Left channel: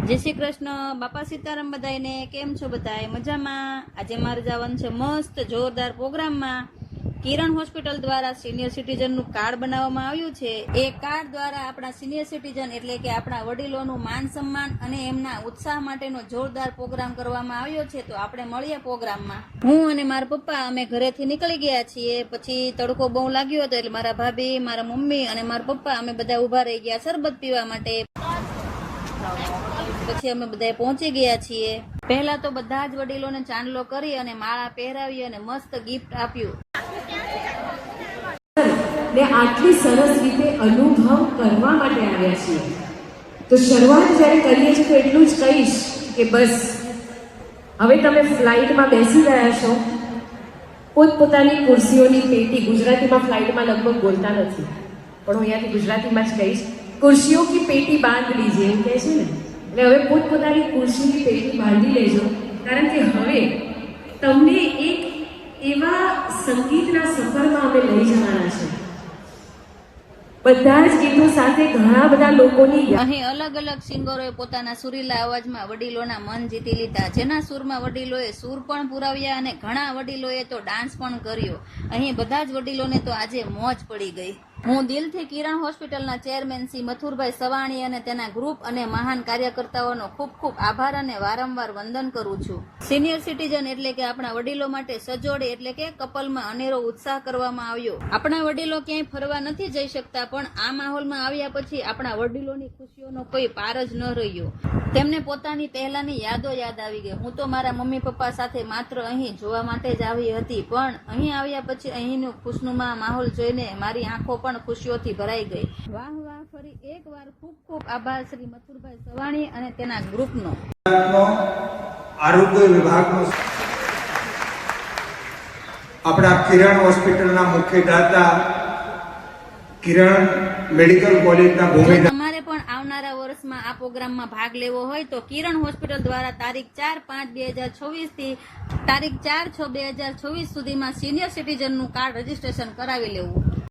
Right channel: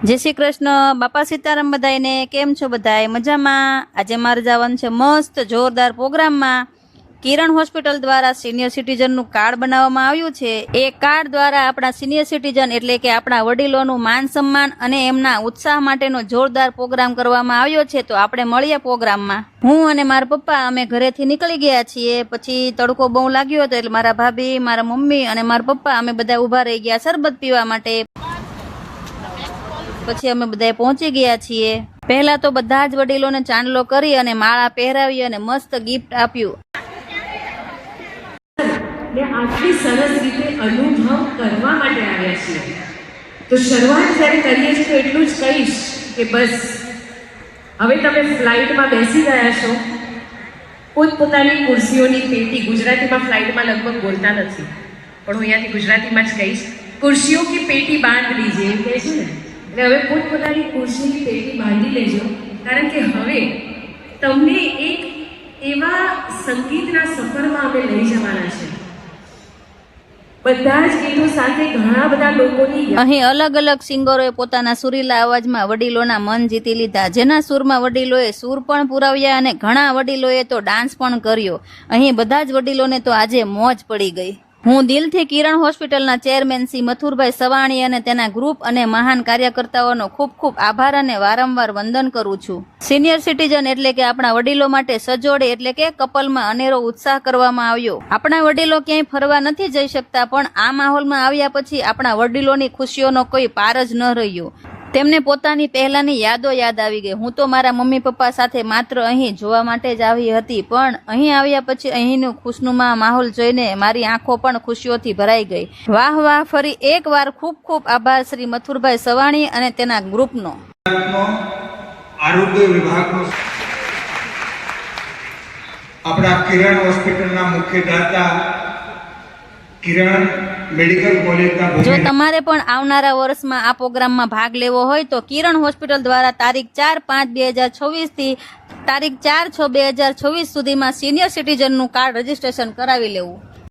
जय श्री कृष्ण बापा सीताराम बधाईने केम छो बधाई मजामां। आज मारे जवानुं छे मस्त जोरदार प्रोग्राम में। किरण होस्पिटल द्वारा सीनियर सीटीजन नु कार्ड बनाववामां आव्युं छे। ए कार्ड द्वारा आपणा सीनियर सीटीजन एटले के आपणा वडीलोनुं मान सम्मान अने एमना उत्साह माटेनो जोरदार प्रोग्राम करवामां आव्यो छे। तो आपणे मळीए प्रोग्राम में। हूँ अने मारा पप्पा अमे घरेथी निकળી ગયા છીએ। પછી તડકો બહુ લાગ્યો હતો એટલે મારા ભાભી, મારા મમ્મી અને મારા પપ્પા અમે બધા ઊભા રહી ગયા શરબત પીવા માટે। પછી અમે બધા પહોંચી ગયા છીએ। પહેલા તો બધા જ વડીલોને ચાંદલો કરી અને માળા પહેરાવી અને મસ્ત ગિફ્ટ આપ્યું। ને આટલી સરસ રીતે અનુભવ કરવા માટે આવ્યા છીએ। તો શરૂઆત જ્યારે કરીએ છીએ તો એટલું જ કહીશ કે બસ હવે તમે ફ્લાઇટમાં બેસી ગયા છો, પોતપોતાની ખુરશીઓની પેટી, ગુજરાતીમાં ફ્લાઇટમાં લગભગ બોલતા નથી પણ હું અહીંયાથી ગુજરાતીમાં જ કહીશ, ખુરશીઓ की पेटी बांध लीजिए એમ કહે છે ને। એટલે હવે પોતપોતાની ખુરશીની પેટી બાંધી લેજો, કારણ કે હવે તમને એક એવા સંગીતના સફરમાં અમે લઈ જવાના છે। બધા જ ગીતો સાથે ઘણા બધા લોકોની અહીં અલગ અલગ સિંગરોએ પોતાના સુરીલા અવાજમાં વડીલોના મન જીતી લીધા। જેના સુરમાં વડીલોએ સુર પણ પુરાવ્યા અને ઘણા વડીલોએ તો ડાન્સ પણ કર્યો। અહીં બધા જ વડીલોને તો આજે મોજ પડી ગઈ। હું દિલથી કિરણ હોસ્પિટલના ચેરમેન શ્રી મથુરભાઈ સવાણી અને તેના ગ્રુપ અને મહાન કાર્યકર્તાઓનો ખૂબ ખૂબ આભાર અને વારંવાર વંદન કરું છું। સિનિયર સિટીઝન એટલે કે આપણા વડીલો માટે સજોડે એટલે કે કપલમાં અનેરો ઉત્સાહ કરવામાં આવ્યો। આપણા વડીલો ક્યાંય ફરવા નથી જઈ શકતા પણ આ માહોલમાં આવ્યા પછી આપણા વડીલોની ખુશીઓનો કોઈ પાર જ ન રહ્યો। તેમને પોતાની પહેલાની યાદો યાદ આવી ગઈ। હું તો મારા મમ્મી પપ્પા સાથે માત્ર અહીં જોવા માટે જ આવી હતી પણ અહીં આવ્યા પછી અહીંનું ખુશનુમા માહોલ જોઈને મારી આંખો પણ ખુશીઓથી ભરાઈ ગઈ। વાહ વાહ, ફરી એકવાર ખૂબ ખૂબ આભાર શ્રી મથુરભાઈ સવાણી અને તેના ગ્રુપનો। આરોગ્ય વિભાગનો આપણા કિરણ હોસ્પિટલના મુખ્ય દાતા કિરણ મેડિકલ કોલેજના જો તમારે પણ આવનારા વર્ષમાં આ પ્રોગ્રામમાં ભાગ લેવો હોય તો કિરણ હોસ્પિટલ દ્વારા તારીખ 4/5/2026 થી તારીખ 4/6/2026 સુધીમાં સિનિયર સિટીઝનનું કાર્ડ રજીસ્ટ્રેશન કરાવી લેવું।